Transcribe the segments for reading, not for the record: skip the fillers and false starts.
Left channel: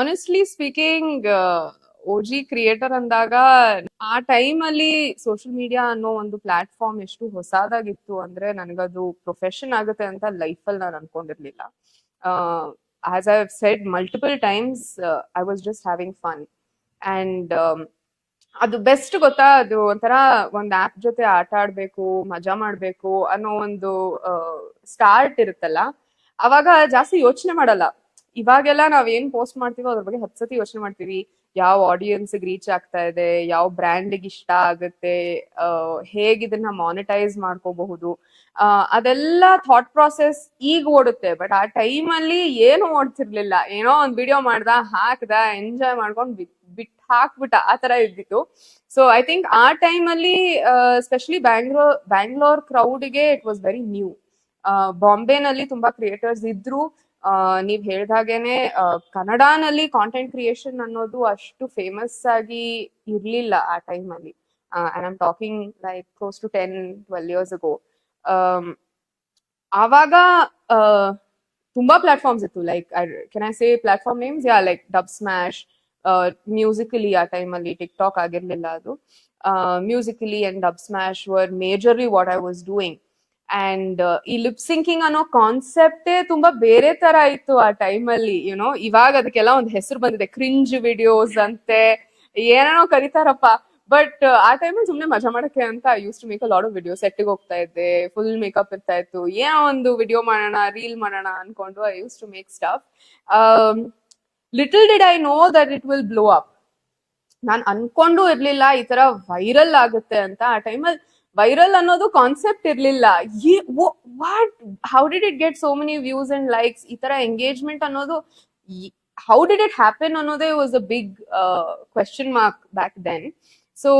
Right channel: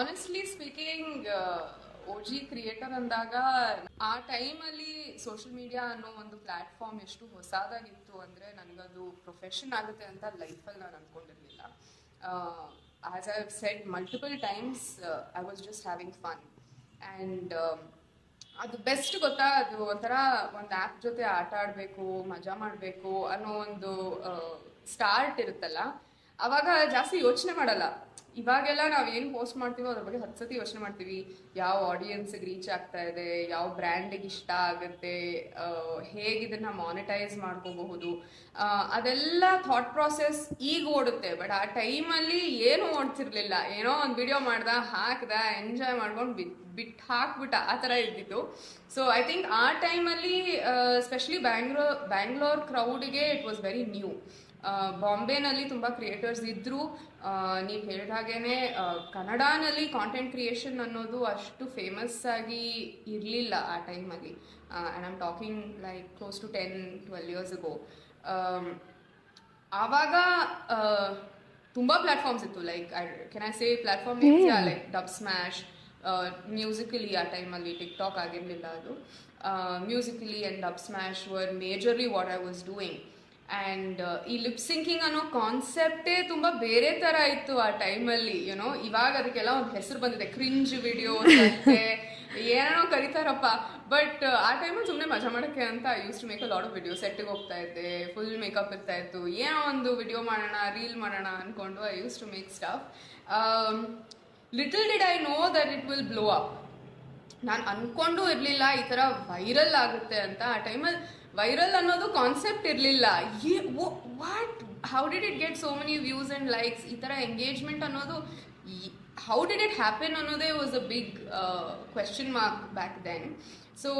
Honestly speaking O G creator ಅಂದಾಗ ಆ ಟೈಮಲ್ಲಿ ಸೋಷಿಯಲ್ ಮೀಡಿಯಾ ಅನ್ನೋ ಒಂದು ಪ್ಲಾಟ್ಫಾರ್ಮ್ ಎಷ್ಟು ಹೊಸದಾಗಿತ್ತು ಅಂದ್ರೆ ನನಗದು ಪ್ರೊಫೆಷನ್ ಆಗುತ್ತೆ ಅಂತ ಲೈಫಲ್ಲಿ ನಾನು ಅನ್ಕೊಂಡಿರ್ಲಿಲ್ಲ. As I said multiple times, I was just having fun and ಅದು ಬೆಸ್ಟ್ ಗೊತ್ತಾ. ಅದು ಒಂಥರ ಒಂದು ಆ್ಯಪ್ ಜೊತೆ ಆಟ ಆಡ್ಬೇಕು, ಮಜಾ ಮಾಡ್ಬೇಕು ಅನ್ನೋ ಒಂದು ಸ್ಟಾರ್ಟ್ ಇರುತ್ತಲ್ಲ, ಅವಾಗ ಜಾಸ್ತಿ ಯೋಚನೆ ಮಾಡಲ್ಲ. ಇವಾಗೆಲ್ಲ ನಾವ್ ಏನ್ ಪೋಸ್ಟ್ ಮಾಡ್ತೀವೋ ಅದ್ರ ಬಗ್ಗೆ 10 ಸತಿ ಯೋಚನೆ ಮಾಡ್ತೀವಿ. ಯಾವ ಆಡಿಯನ್ಸ್ಗೆ ರೀಚ್ ಆಗ್ತಾ ಇದೆ, ಯಾವ ಬ್ರ್ಯಾಂಡ್ಗೆ ಇಷ್ಟ ಆಗುತ್ತೆ, ಹೇಗೆ ಇದನ್ನ ಮಾನಿಟೈಸ್ ಮಾಡ್ಕೋಬಹುದು, ಅದೆಲ್ಲ ಥಾಟ್ ಪ್ರಾಸೆಸ್ ಈಗ ಓಡುತ್ತೆ. ಬಟ್ ಆ ಟೈಮಲ್ಲಿ ಏನು ಓಡ್ತಿರ್ಲಿಲ್ಲ. ಏನೋ ಒಂದು ವಿಡಿಯೋ ಮಾಡ್ದ, ಹಾಕ್ದ, ಎಂಜಾಯ್ ಮಾಡ್ಕೊಂಡು ಬಿಟ್ಟು ಹಾಕ್ಬಿಟ್ಟ, ಆ ಥರ ಇದ್ದಿತ್ತು. ಸೊ ಐ ಥಿಂಕ್ ಆ ಟೈಮಲ್ಲಿ ಸ್ಪೆಷಲಿ ಬ್ಯಾಂಗ್ಳೂರ್ ಕ್ರೌಡ್ಗೆ ಇಟ್ ವಾಸ್ ವೆರಿ ನ್ಯೂ. ಬಾಂಬೆನಲ್ಲಿ ತುಂಬಾ ಕ್ರಿಯೇಟರ್ಸ್ ಇದ್ರು. ನೀವು ಹೇಳ್ದಾಗೇನೆ ಕನ್ನಡನಲ್ಲಿ ಕಾಂಟೆಂಟ್ ಕ್ರಿಯೇಷನ್ ಅನ್ನೋದು ಅಷ್ಟು ಫೇಮಸ್ ಆಗಿ ಇರಲಿಲ್ಲ ಆ ಟೈಮಲ್ಲಿ. And I'm talking like close to 10-12 years ago. ಆವಾಗ ತುಂಬಾ ಪ್ಲಾಟ್ಫಾರ್ಮ್ಸ್ ಇತ್ತು. Like can I say platform names? Yeah, like Dubsmash, Musically ಆ ಟೈಮಲ್ಲಿ ಟಿಕ್ಟಾಕ್ ಆಗಿರಲಿಲ್ಲ ಅದು. Musically and Dubsmash were majorly what I was doing. And ಈ lip syncing ಅನ್ನೋ ಕಾನ್ಸೆಪ್ಟೇ ತುಂಬಾ ಬೇರೆ ತರ ಇತ್ತು ಆ ಟೈಮಲ್ಲಿ. ಯುನೋ, ಇವಾಗ ಅದಕ್ಕೆಲ್ಲ ಒಂದು ಹೆಸರು ಬಂದಿದೆ, ಕ್ರಿಂಜ್ ವಿಡಿಯೋಸ್ ಅಂತೆ, ಏನೇನೋ ಕರೀತಾರಪ್ಪ. ಬಟ್ ಆ ಟೈಮಲ್ಲಿ ಸುಮ್ಮನೆ ಮಜಾ ಮಾಡಕ್ಕೆ ಅಂತ I use to make a lot of video. ಸೆಟ್ಟಿಗೆ ಹೋಗ್ತಾ ಇದ್ದೆ, ಫುಲ್ ಮೇಕಪ್ ಇರ್ತಾ ಇತ್ತು, ಏನೋ ಒಂದು ವಿಡಿಯೋ ಮಾಡೋಣ, ರೀಲ್ ಮಾಡೋಣ ಅನ್ಕೊಂಡು I use to make stuff. Little did I know that it will blow up. ನಾನು ಅನ್ಕೊಂಡು ಇರ್ಲಿಲ್ಲ ಈ ತರ ವೈರಲ್ ಆಗುತ್ತೆ ಅಂತ. ಆ ಟೈಮಲ್ಲಿ ವೈರಲ್ ಅನ್ನೋದು ಕಾನ್ಸೆಪ್ಟ್ ಇರಲಿಲ್ಲ. What, how did it get so many views and likes, ಈ ತರ ಎಂಗೇಜ್ಮೆಂಟ್ ಅನ್ನೋದು ಹೌ ಡಿಡ್ ಇಟ್ ಹ್ಯಾಪನ್ ಅನ್ನೋದೇ was a big question mark back then. So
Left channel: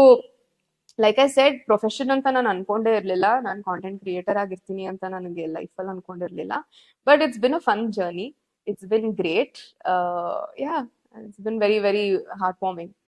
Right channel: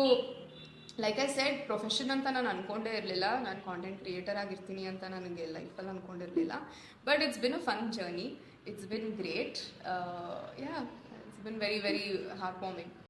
like I said, profession ಅಂತ ನಾನು ಅನ್ಕೊಂಡೇ ಇರಲಿಲ್ಲ. ನಾನು ಕಾಂಟೆಂಟ್ ಕ್ರಿಯೇಟರ್ ಆಗಿರ್ತೀನಿ ಅಂತ ನನಗೆ ಲೈಫಲ್ಲಿ ಅನ್ಕೊಂಡಿರಲಿಲ್ಲ. But it's been a fun journey. It's been great. Yeah, it's been very very heart warming.